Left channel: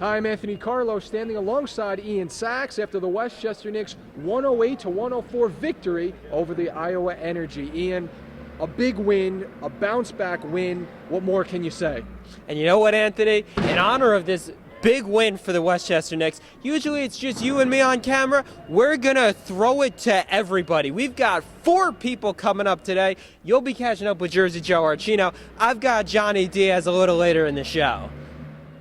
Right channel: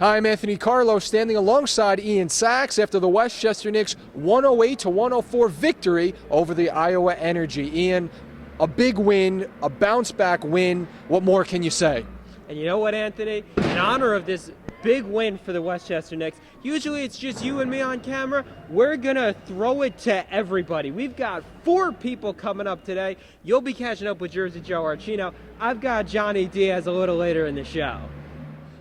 Hi, I'm Anthony Carlo, standing alongside Ian Sachs after the Westchester Knicks 108-104 victory over the Iowa Energy. Ian, a big win, a bounce-back win. What more can you say? And you know what, Anthony? In honor of this big win for the Westchester Knicks, usually it's just you and me on camera. We're going to throw it to everybody. We've got 4 people coming up today. You'll be catching up with Jersey Joe Archino. I've got Johnny Diaz a little later in the show.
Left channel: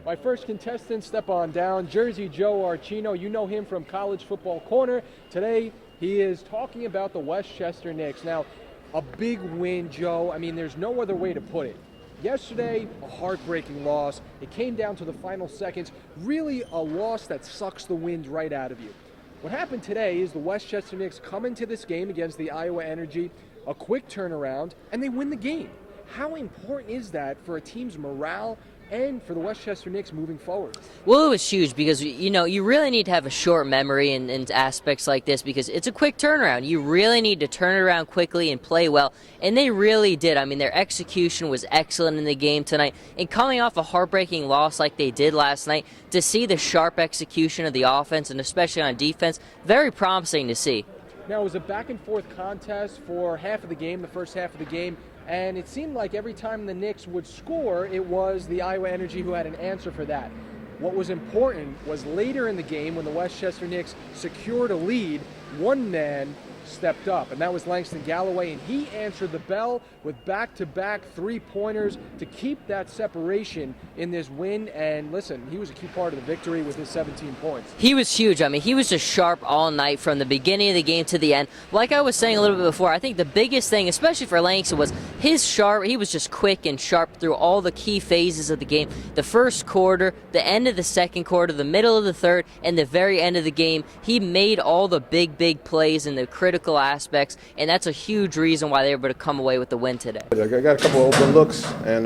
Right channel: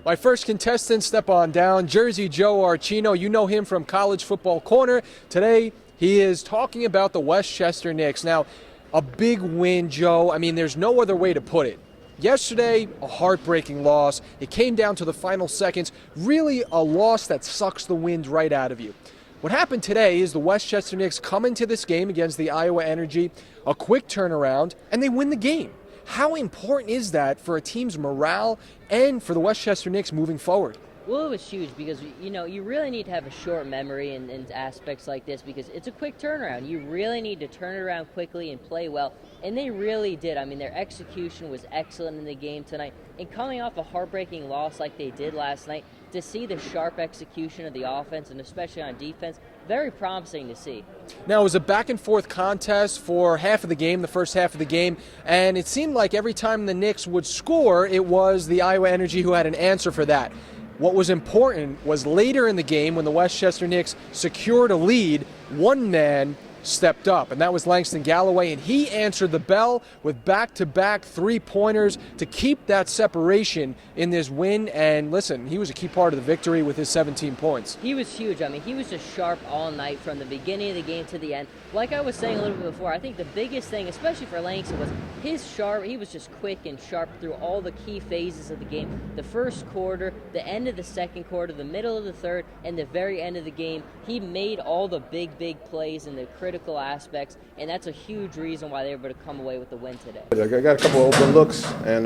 My first contestant, step on down, Jersey Joe Archino. You know him from College Football Corner. Today, he is talking about the Westchester Knicks. Now, a big win, Joe. I mean, there's no other way to put it. Yesterday, a heartbreaking loss. It came down to the final seconds. Really a loss that sucks the wind right out of you. What happened today is the Westchester Knicks come into this game against the Iowa Energy, a quick turnaround, and they win the game. How important is that for a team's morale and for the Westchester Knicks moving forward? Well, it was huge because, you know, you really need to have a short memory in aspects like this because it's a quick turnaround. You really need to turn it around quickly and play well, and they really did. I mean, their execution was excellent in the game tonight, and coming off a heartbreaking loss like they did last night, to see the sharp execution of the offense, and especially on defense, very promising to see. Now, it was a back-and-forth contest for half of the game, the first half of the game, and it seemed like every time the Knicks would score, it was the Iowa Energy who had an answer for that. What was important was later in the game when the Westchester Knicks secured a lead, one man stepped up, and that was Langston Galloway, and he answered the bell with back-to-back three-pointers to keep that separation in this win. And listen, he was a key part of the victory with his 17 points. He was huge. I mean, he was just sharp all night from the beginning of the game to the end. Like I was saying a little bit before, I think the biggest thing, especially for Langston, was he was just quick and sharp through all the key phases of the game. The first quarter, the end of the second quarter, the middle of the third, and the very end of the game. He made all the big plays in the critical aspects, and that's a huge reason why they were able to come away with the win today. I got a couple of open looks and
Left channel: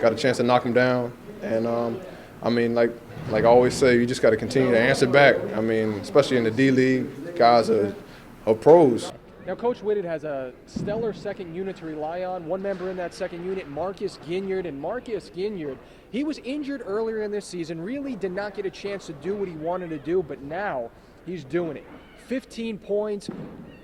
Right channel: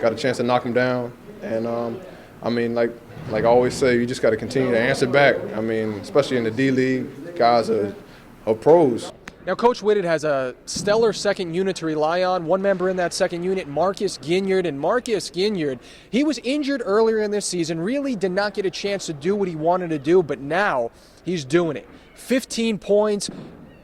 got a chance to knock them down. And I mean, like I always say, you just got to continue to answer back. I mean, especially in the D-League, guys are pros. Now, Coach Whitted has a stellar second unit to rely on. One member in that second unit, Marcus Ginyard. And Marcus Ginyard, he was injured earlier in this season, really did not get a chance to do what he wanted to do, but now he's doing it. 15 points.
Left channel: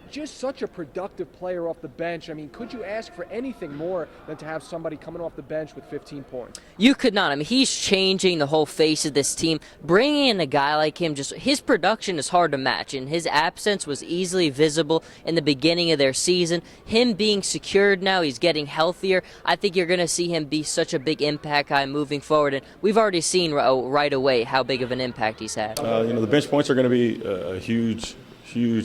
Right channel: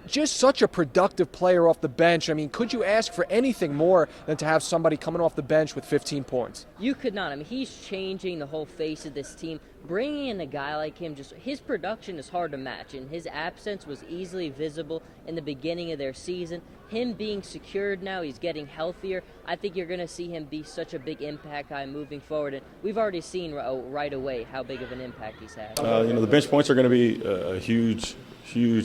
Just such a productive player off the bench. I mean, could you ask for anything more than to have somebody coming off the bench with 15 points? You could not. I mean, he's changing the whole face of this team. Bringing in a guy like him, just his production is hard to match, and his absence was easily visible in the beginning of their season. Him being secured now, he's getting healthier. I think you're going to see him be such a big impact guy moving forward, and we've already seen right away how big of an impact he's had. The bench points are going to be a huge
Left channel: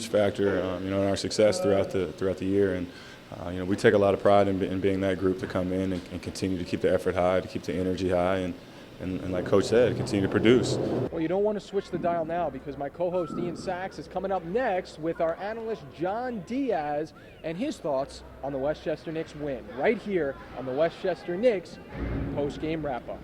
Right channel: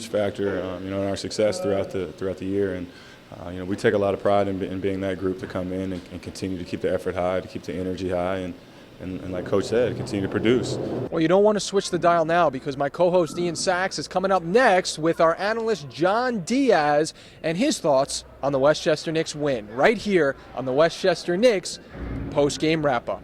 factor, in our success throughout the year, and we take a lot of pride in being that group to come in and continue to keep the effort high, to keep the energy high, and like Coach said, continue to produce. Well, you don't want to switch the dial now because my co-host Ian Sachs is coming up next with our analyst John Diaz and his thoughts on the Westchester Knicks win right here on the Westchester Knicks post-game wrap-up.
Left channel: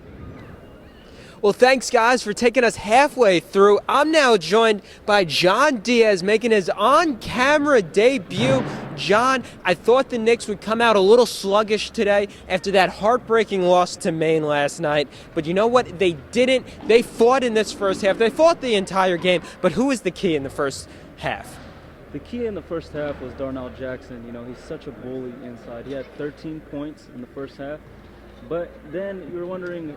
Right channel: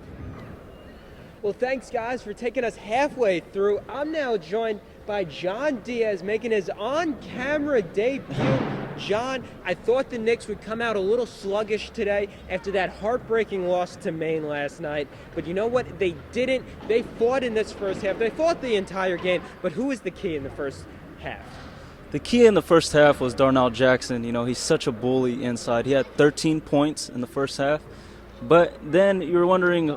Well, thanks, guys, for taking us halfway through. I'm now joined by John Diaz making his on-camera debut. John, I thought the Knicks would come out a little sluggish today after that heartbreaking loss to Maine last night. But you know what? They didn't. They fought in this first half. They fought the entire game. But who was the key in the first half? The key in the first half was Darnell Jackson. He's such a bully inside. He had 13 points in the first half. But then you're wondering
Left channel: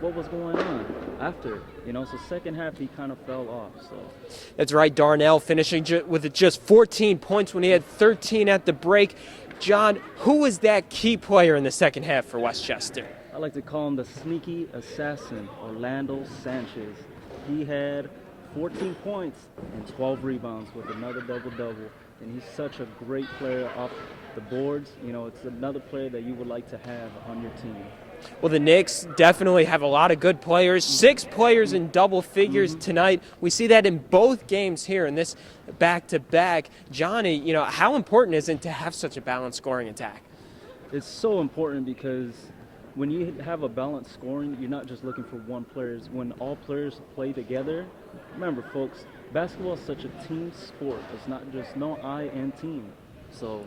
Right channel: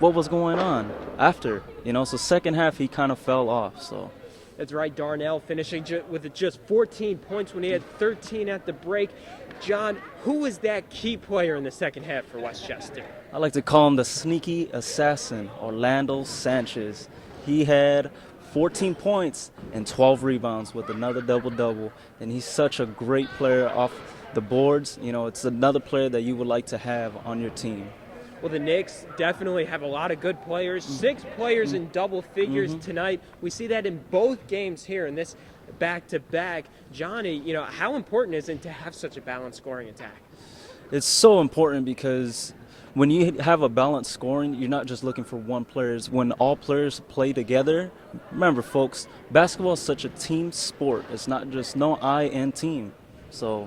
what was going on after, so second half he kind of fell off. So that's right, Darnell finishing with just 14 points when he had 13 at the break. John, who was that key player in the second half for Westchester? I like to call him the sneaky assassin, Orlando Sanchez. He had 14 points and 12 rebounds with another double-double, and he's such a great player off the boards. It's another player that you would like to have on your team. Well, the Knicks definitely have a lot of good players. 6 players in double figures tonight. We see that in both games here in this back-to-back. Johnny, how important is it to have such a balanced scoring attack? It's so important because when you have a balanced scoring, you're not just looking for one player. It's when all players play together. Remember, folks, basketball is such a team sport. It's not just I and team. So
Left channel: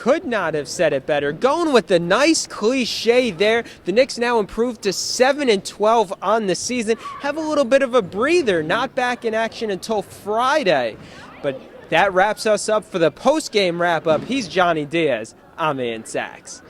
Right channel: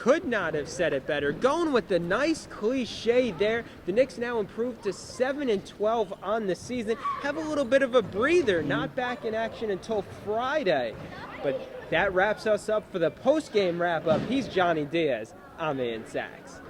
Could not have said it better. Going with the nice cliche there. The Knicks now improved to 7-12 on the season. Have a little bit of a breather. Not back in action until Friday. But that wraps us up for the post-game wrap-up. He's Johnny Diaz. I'm Ian Sachs.